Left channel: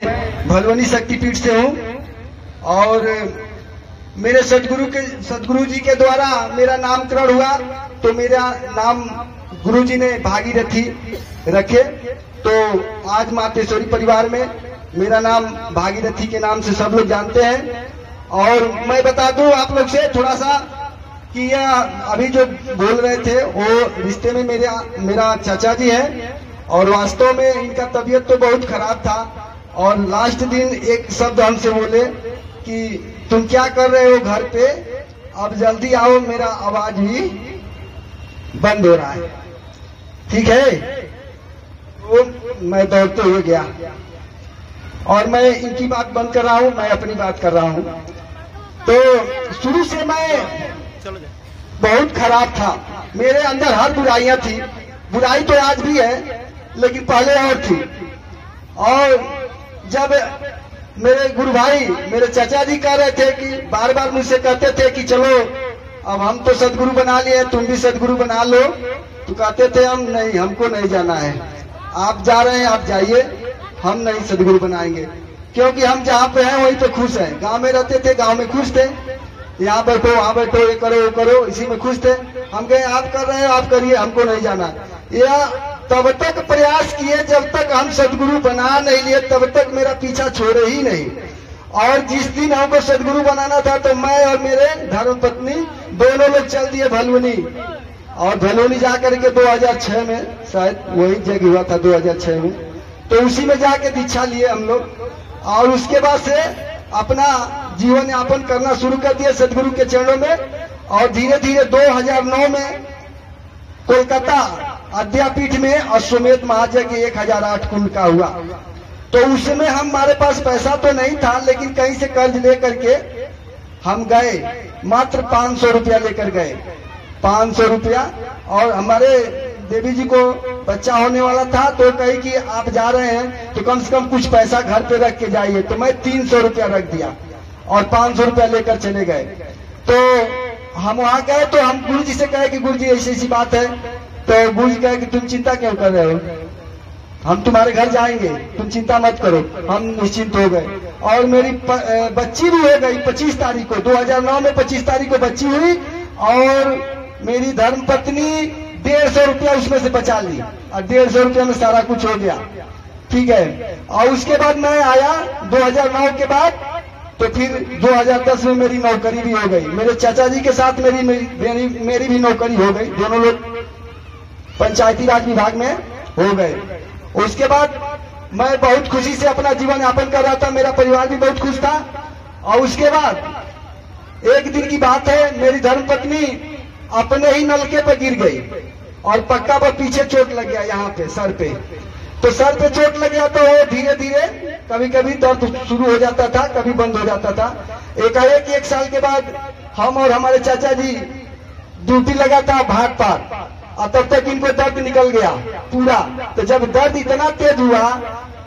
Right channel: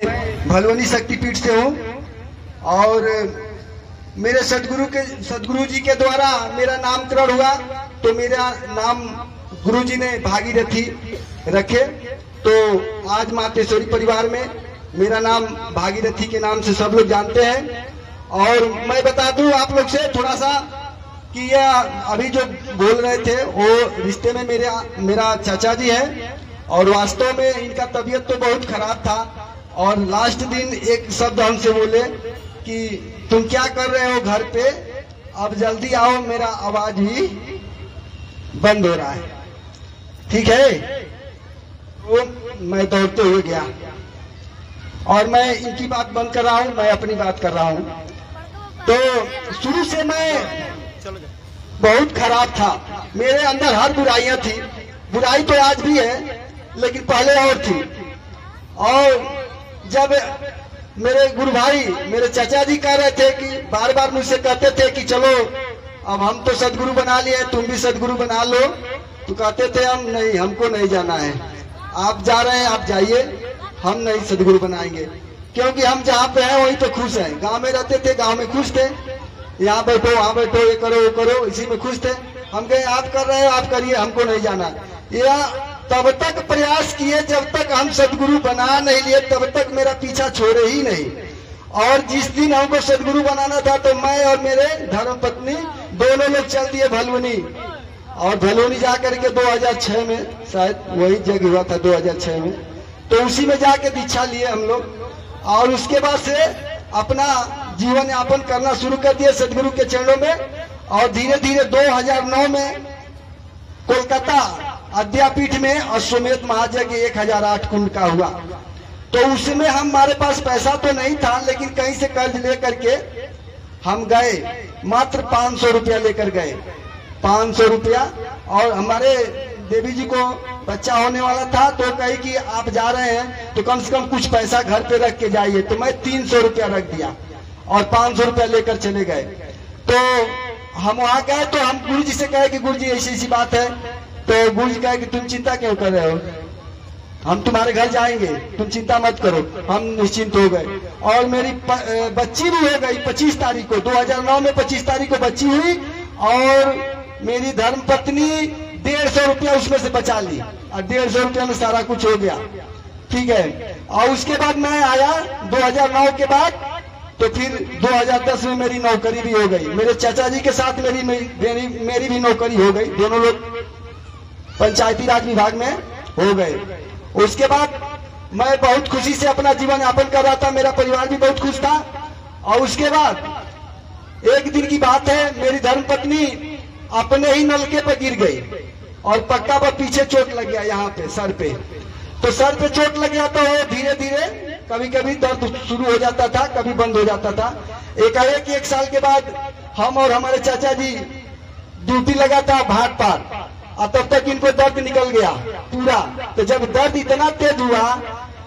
भलवनी शक्तिपीठ से हूँ और मेरे सदगुरु जी के द्वारा मेरा नामकरण हुआ तो मेरा नाम गुरु जी ने भागीरथी रखे। तो आज मातेश्वरी परिवार में मेरा नाम भागीरथी के नाम से सब लोग जानते हैं। और मैं बता दूं आप लोग से थोड़ा सा कि यह अभी जो बोल रहे थे वो रिश्ते में मेरा चाचा जी है और वास्तव में इनका तबीयत तो बहुत खराब था। और लास्ट दिन एक शब्द हमसे बोले कि तुम क्या कर रहे हो घर पे, अब जल्दी आओ, मेरा आवाज भी बंद हो रहा है। ठीक है, तो मैं दौड़ते हुए गया और मैं इनकी बात बंद कर रहा हूँ, मैं अपनी बात कर रहा हूँ। तो शुरू से मैं बहुत खराब था, मेरे अंदर हर बुराइयां थी। बुराई तो आज भी है लेकिन पहले और थी। और जब मेरे गुरु भाई मेरे चाचा जी कह रहे थे कि बार बार मुझसे कहते थे कि चलो अब हम तो सदगुरु बना लिए, तुम भी सदगुरु बना लो, तो कहते थे हम नहीं, हमको नहीं जाना है, आप जा रहे हैं आप जाइए, हम नहीं सदगुरु बनाएंगे। क्योंकि हम जहाँ पे हैं वही तो खुश हैं। गांव में रहते थे, गांव में खुश थे, यहाँ बैठो वहाँ बैठो, ये करो वो करो, इसी में खुश थे। हम कहे आप कर रहे हो आप करिए, हमको नहीं जाना। यह तब तक प्रयास किए जब तक हम सदगुरु बना नहीं लिए, तब तक मेरा पीछा छोड़े ही नहीं। और जिस दिन हमको सदगुरु बनाना था तो मैं और मेरे धर्मपत्नी दोनों लोग चल दिए भलवनी। और भलवनी जाकर के 2006 में शायद वही जगह हुआ था 2006 में, तो उसी में जाके दीक्षा लिए हम लोग। और उसके बाद से अपना जीवन यापन करना शुरू कर दिया सदगुरु के चरणों में। और धीरे धीरे 2009 में कोलकाता अद्यापीठ में अश्वमेध महायज्ञ 1008 कुंड का हुआ। तो उसमें हमारे पास पैसा तो नहीं था, लेकिन कहीं से कर्ज लेकर के हम गए, मात्र 500 रुपया लेकर गए, 500 रुपया। और हमारे देवी जी को बच्चा होने वाला था तो कही कि आप जा रहे हैं तो कम से कम कुछ पैसा घर पे रख के जाइए। तो मैं 300 रुपया रख दिया और 500 रुपया लेकर चले गए। तो हम वहां गए तो हम गुरु जी से कहे कि गुरु जी ऐसी ऐसी बात है। तो गुरु जी कहे कि तुम चिंता क्यों कर रहे हो, हम तुम्हारे घर जाएंगे, तुम चिंता मत करो। हम निश्चिंत हो गए और मेरी बच्ची भी हो गई 25 तारीख को, 2009 में 25 तारीख को बच्ची हुई। और मेरी धर्मपत्नी 150 रुपया उसमें से बचा ली और 150 रुपया में सारा कुछ हो गया। ठीक है। और उसके बाद मैं आया 2009 के बाद, तो फिर 2010 में मेरी नौकरी भी हो गई। मेरे चाचा जी के साथ मेरी भी नौकरी हो गई, दोनों लोग पंचायती राज विभाग में हो गए। उसके बाद मैं बहुत खुशी से अपना जीवन यापन कर रहा था, मेरा परिवार भी बहुत खुश था। और उसके बाद एक दिन की बात है, मेरी धर्मपत्नी अपने ही नलके पे गिर गई और पक्का पर पीछे चोट लग गया, यहाँ पे सर पे। तो सर पे चोट लग गया तो धीरे धीरे कभी कभी दर्द शुरू हो जाता था, कभी बंद हो जाता था। एकाएक 1 साल के बाद हम और हमारे चाचा जी ड्यूटी लगा था भाट पार, और तब तक इनको दर्द निकल गया पूरा। तो जब दर्द इतना तेज हुआ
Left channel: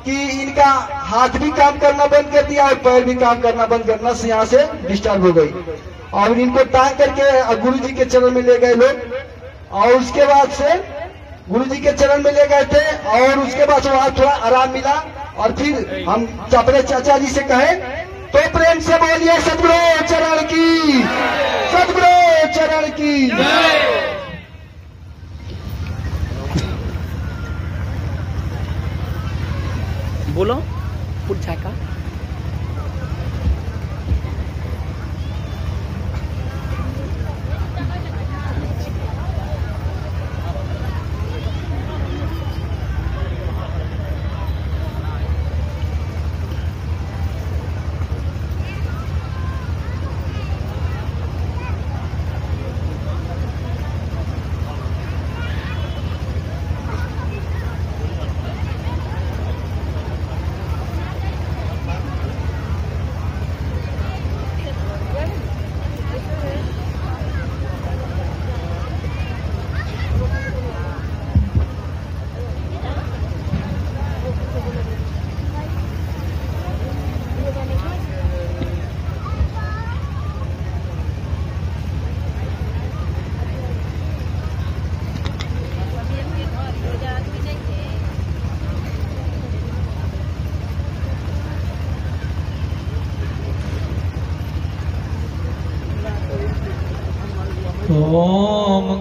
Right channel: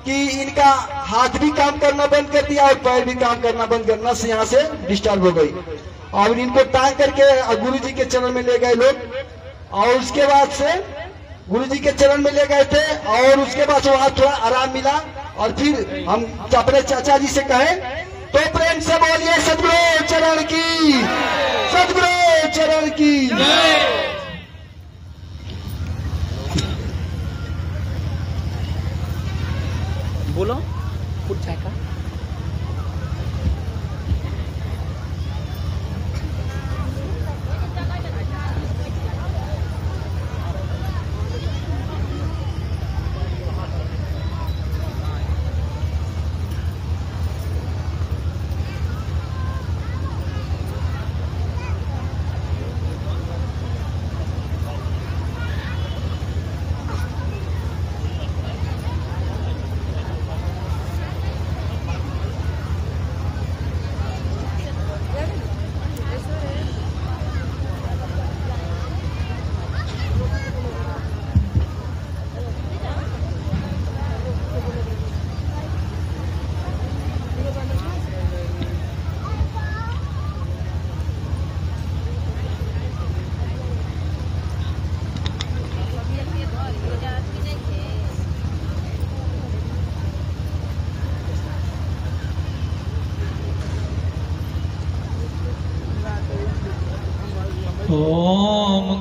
कि इनका हाथ भी काम करना बंद कर दिया और पैर भी काम करना बंद करना से यहाँ से डिस्टर्ब हो गई। और इनको टांग करके गुरु जी के चरण में ले गए लोग। और उसके बाद से गुरु जी के चरण में ले गए थे और उसके बाद वहां थोड़ा आराम मिला। और फिर हम अपने चाचा जी से कहे तो प्रेम से बोलिए सदगुरु चरण की, सदगुरु चरण की। बोलो कुछ चाहता।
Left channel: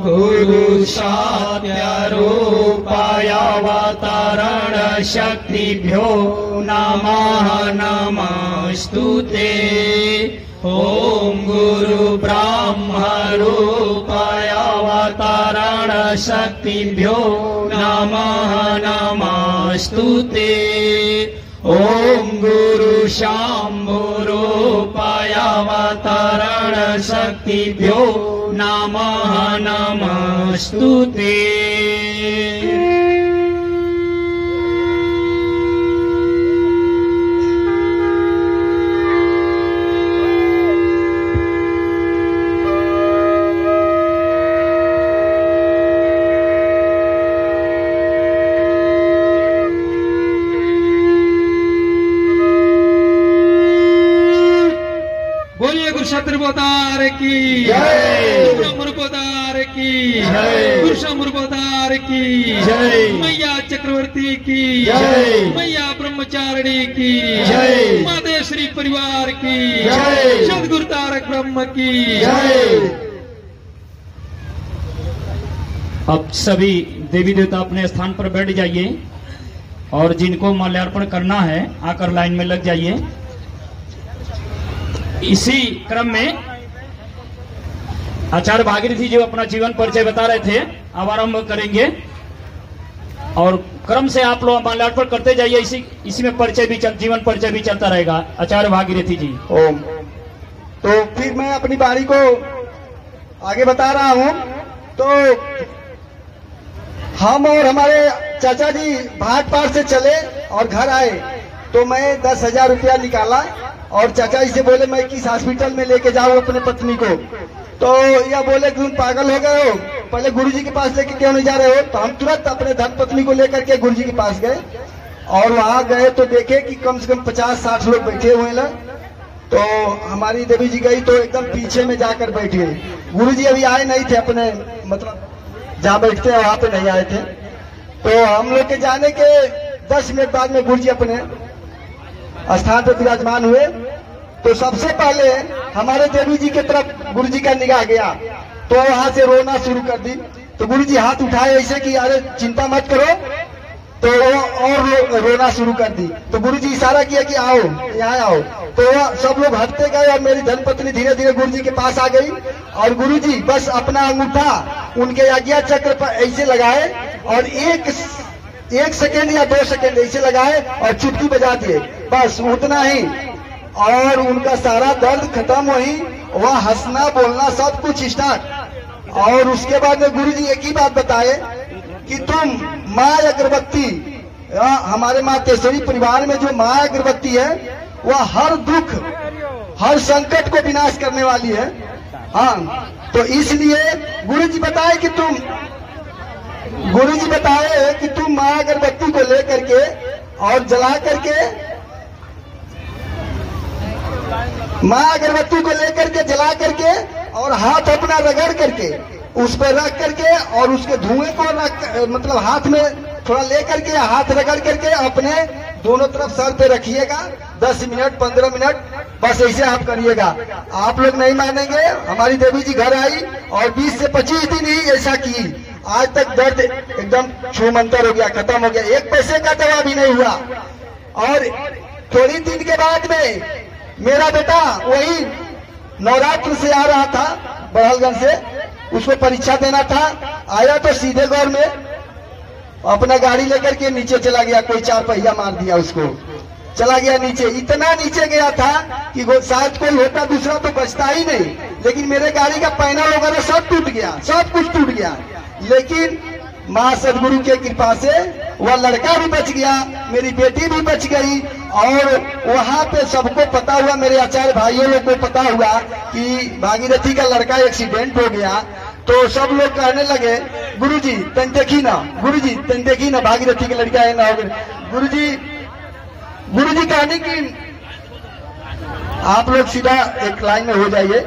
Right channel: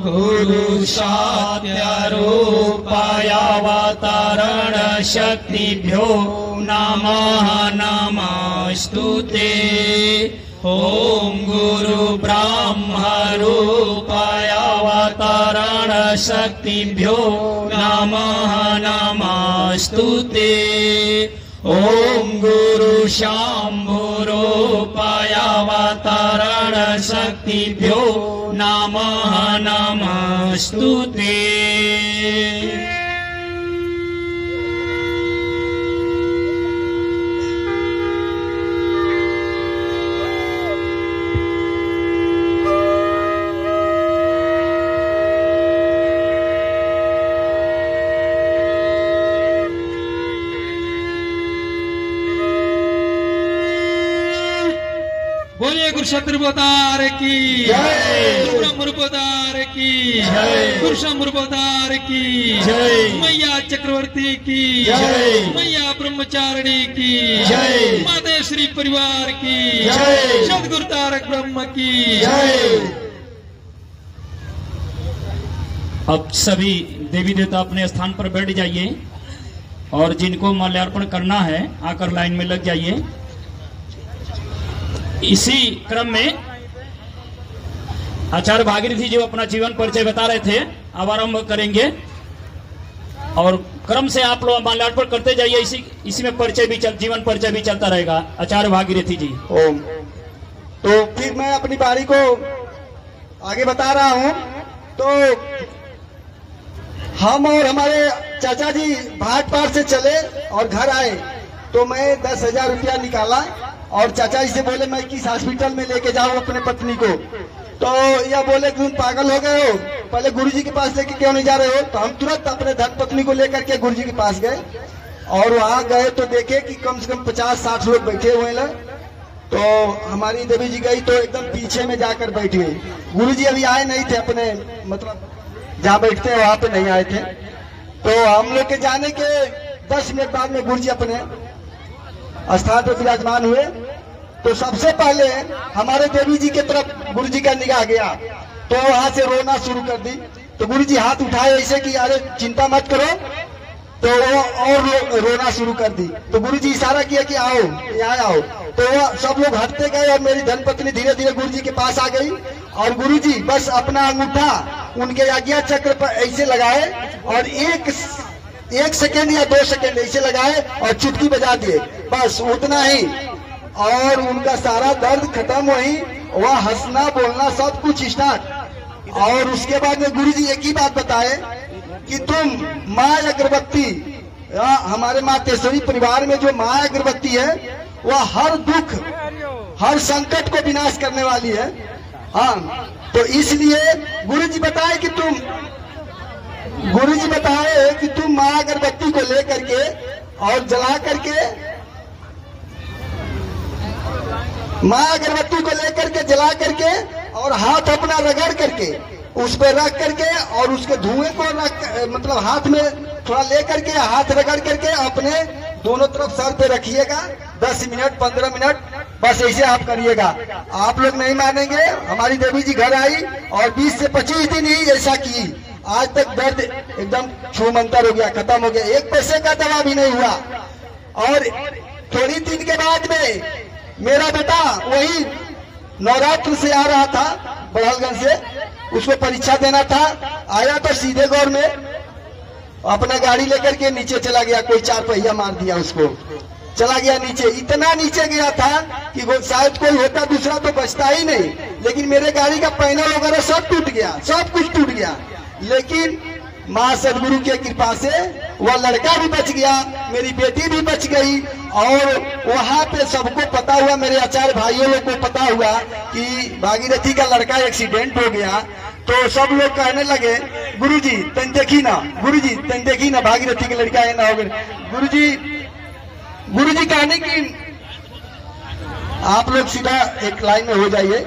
गुरु सत्यरूपायावतरण शक्तिभ्यो नमः नमस्तुते। ओम गुरु ब्रह्मरूपायावतरण शक्तिभ्यो नमः नमस्तुते। ओम गुरु शंभुरूपायावतरण शक्तिभ्यो नमः नमस्तुते। बोलिए गुरु शत्रुपतार की जय। गुरु ब्रह्मरूपतार की जय। गुरु शंभुरूपतार की जय। मैया चक्रवर्ती की जय। मैया ब्रह्मचारिणी की जय। मादेश्वरी परिवार की जय। सदगुरु तारक ब्रह्म की जय। अब सभी देवी देवता अपने स्थान पर बैठ जाइए और जिनको माल्यार्पण करना है आकर लाइन में लग जाइए। इसी क्रम में आचार्य भागीरथी जो अपना जीवन परिचय बता रहे थे अब आरंभ करेंगे और क्रम से आप लोग माल्यार्पण करते जाइए। इसी में परिचय भी जीवन परिचय भी चलता रहेगा। आचार्य भागीरथी जी। ओम। तो फिर मैं अपनी बारी को आगे बता रहा हूँ। तो हम और हमारे चाचा जी भाट पार से चले और घर आए तो मैं 10,000 रुपया निकाला और चाचा जी से बोले मैं किस हॉस्पिटल में लेके जाऊं अपने पत्नी को। तो यह बोले तुम पागल हो गए हो, पहले गुरुजी के पास लेके क्यों नहीं जा रहे हो। तो हम तुरंत अपने धन पत्नी को लेकर के गुरुजी के पास गए और वहां गए तो देखे कि कम से कम 50-60 लोग बैठे हुए हैं। तो हमारी देवी जी गई तो एकदम पीछे में जाकर बैठी हुई। गुरुजी अभी आए नहीं थे, अपने मतलब जहाँ बैठते हैं वहां पे नहीं आए थे। तो हम लोग के जाने के 10 मिनट बाद में गुरुजी अपने स्थान पर विराजमान हुए। तो सबसे पहले हमारे देवी जी की तरफ गुरुजी का निगाह गया तो वहां से रोना शुरू कर दी। तो गुरुजी हाथ उठाए ऐसे कि अरे चिंता मत करो, तो वो और रोना शुरू कर दी। तो गुरुजी इशारा किया कि आओ यहाँ आओ। तो सब लोग हटते गए और मेरी धर्मपत्नी धीरे धीरे गुरुजी के पास आ गई और गुरुजी बस अपना अंगूठा उनके आज्ञा चक्र पर ऐसे लगाए और एक सेकेंड या 2 सेकेंड ऐसे लगाए और चुटकी बजा दिए, बस उतना ही। और उनका सारा दर्द खत्म हुई, वह हंसना बोलना सब कुछ स्टार्ट। और उसके बाद में गुरुजी एक ही बात बताए कि तुम माँ अगरबत्ती, हमारे माँ केसरी परिवार में जो माँ अगरबत्ती है वह हर दुख हर संकट को विनाश करने वाली है। हाँ, तो इसलिए गुरुजी बताए कि तुम माँ अगरबत्ती को लेकर के और जला करके माँ अगरबत्ती को लेकर के जला करके और हाथ अपना रगड़ करके उस पर रख करके और उसके धुएं को मतलब हाथ में थोड़ा ले करके हाथ रगड़ करके अपने दोनों तरफ सर पे रखिएगा 10 मिनट 15 मिनट, बस ऐसे आप करिएगा। आप लोग नहीं मानेंगे, हमारी देवी जी घर आई और 20 से 25 दिन ही ऐसा की। आज तक दर्द एकदम छूमंतर हो गया, खत्म हो गया, 1 पैसे का दवा भी नहीं हुआ। और थोड़ी दिन के बाद में मेरा बेटा वही नवरात्र से आ रहा था बड़हलगंज से, उसको परीक्षा देना था। आया तो सीधे गौर में अपना गाड़ी लेकर के नीचे चला गया, कोई 4 पहिया मार दिया उसको, चला गया नीचे। इतना नीचे गया था कि वो शायद कोई होता दूसरा तो बचता ही नहीं, लेकिन मेरे गाड़ी का पैनल वगैरह सब टूट गया, सब कुछ टूट गया। लेकिन माँ सदगुरु के कृपा से वह लड़का भी बच गया, मेरी बेटी भी बच गई। और वहाँ पे सबको पता हुआ, मेरे आचार्य भाइयों लोग को पता हुआ कि भागीरथी का लड़का एक्सीडेंट हो गया। तो सब लोग कहने लगे गुरुजी तन देखी ना, गुरुजी तन देखी ना, भागीरथी का लड़का है ना हो गया। गुरुजी कहने की आप लोग सीधा एक लाइन में हो जाइए,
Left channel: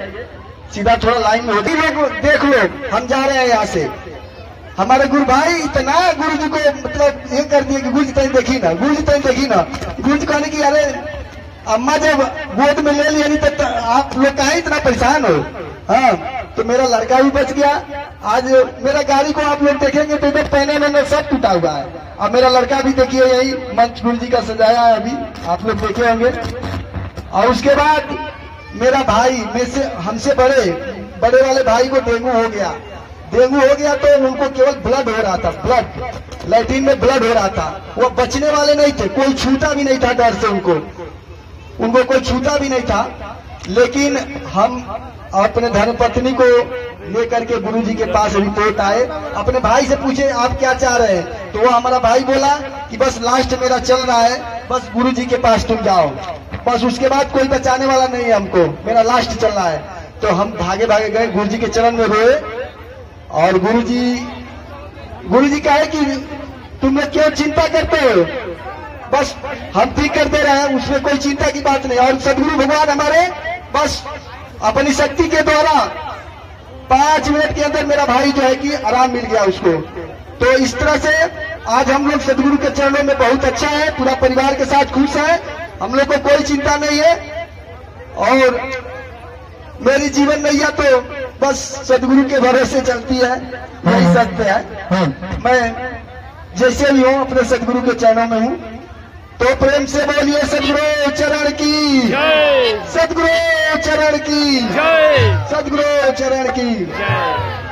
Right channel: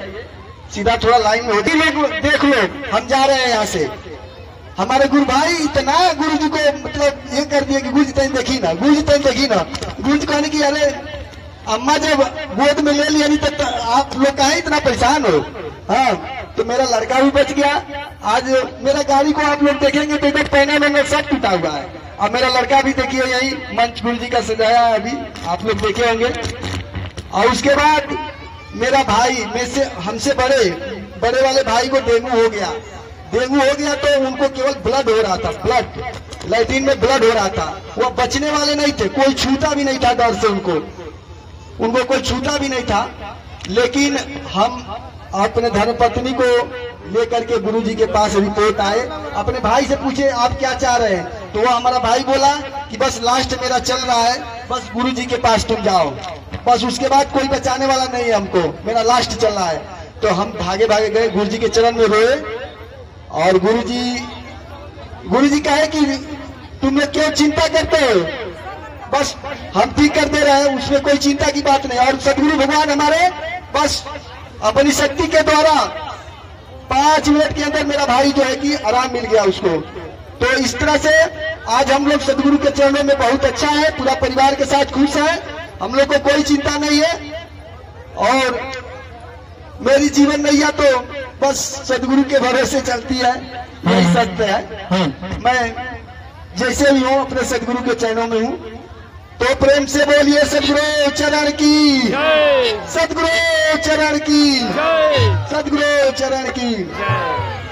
सीधा थोड़ा लाइन में होती लोग देख लो, हम जा रहे हैं यहाँ से। हमारे गुरु भाई इतना गुरु जी को मतलब ये कर दिया कि गुरु जी तन देखी ना, गुरु जी तन देखी ना। गुरु जी कहने की अरे अम्मा जब गोद में ले लिया नहीं तो आप लोग कहे इतना परेशान हो। हाँ, तो मेरा लड़का भी बच गया आज मेरा गाड़ी को आप लोग देखेंगे तो इधर पहने में सब टूटा हुआ है। अब मेरा लड़का भी देखिए यही मंच गुरु जी का सजाया है, अभी आप लोग देखे होंगे। और उसके बाद मेरा भाई में से हमसे बड़े वाले भाई को डेंगू हो गया। डेंगू हो गया तो उनको केवल ब्लड हो रहा था, ब्लड लैट्रिन में ब्लड हो रहा था। वो बचने वाले नहीं थे, कोई छूता भी नहीं था डर से, उनको कोई छूता भी नहीं था। लेकिन हम अपने धर्मपत्नी को लेकर के गुरुजी के पास रिपोर्ट आए, अपने भाई से पूछे आप क्या चाह रहे हैं, तो वो हमारा भाई बोला कि बस लास्ट मेरा चल रहा है, बस गुरुजी के पास तुम जाओ, बस उसके बाद कोई बचाने वाला नहीं है हमको, मेरा लास्ट चल रहा है। तो हम भागे भागे गए, गुरुजी के चरण में रोए। और गुरुजी कहे कि तुम लोग क्यों चिंता करते हो, बस हम ठीक कर दे रहे हैं, उसमें कोई चिंता की बात नहीं। और सदगुरु भगवान हमारे बस अपनी शक्ति के द्वारा 5 मिनट के अंदर मेरा भाई जो है कि आराम मिल गया उसको। तो इस तरह से आज हम लोग सदगुरु के चरणों में बहुत अच्छा है, पूरा परिवार के साथ खुश है, हम लोग को कोई चिंता नहीं है। और मेरी जीवन नैया तो बस सदगुरु के भरोसे चलती है, यही सत्य है। मैं जैसे भी हूँ अपने सदगुरु के चरणों में हूँ। तो प्रेम से बोलिए सदगुरु चरण की जय, सदगुरु चरण की जय, सदगुरु चरण की जय।